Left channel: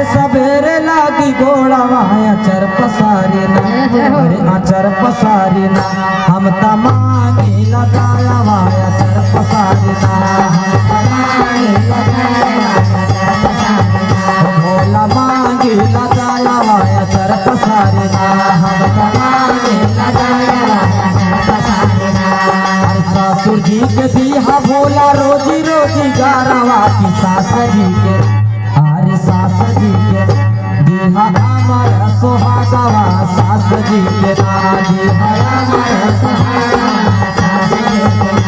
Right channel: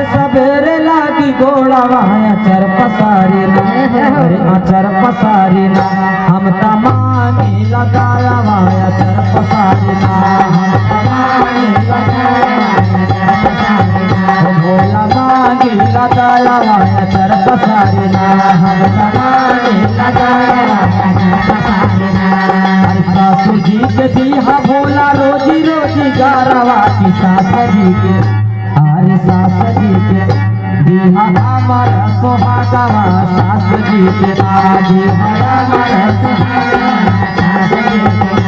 अरे सवेरे लागी घोड़ा माया चर पसारी ना, अरे आचर पसारी ना, हम तमांगी लगाया माया चर पसारी ना, भोला मांगी लगाया माया चर पसारी ना, हम तमांगी लगाया माया चर पसारी ना। अरे सासुर जी के दिया भोला रोजी रोजी गारवा की सास जी के, अरे सास जी के दिहा अमर सोहागवा सास जी के ना, दिहा अमर सोहागवा सास जी के ना।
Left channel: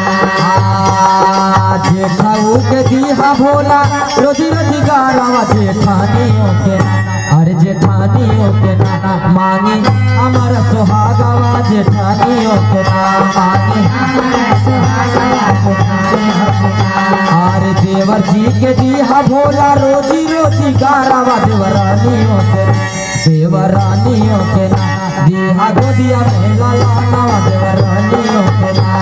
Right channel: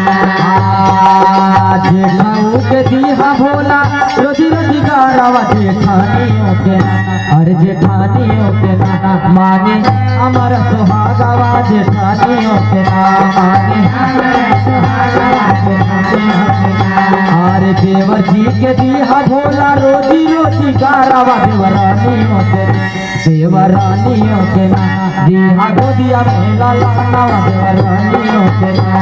जेठाऊ के दिहा भोला रोजी रोजी गारवा जेठानियों के ना, अरे जेठानियों के ना मांगे अमर सोहागवा जेठानियों के ना, मांगे अमर सोहागवा जेठानियों के ना। अरे देवर जी के दिहा भोला रोजी रोजी गारवा देवरानियों के ना, दिहा गोदिया मेला लाना देवरानियों के ना।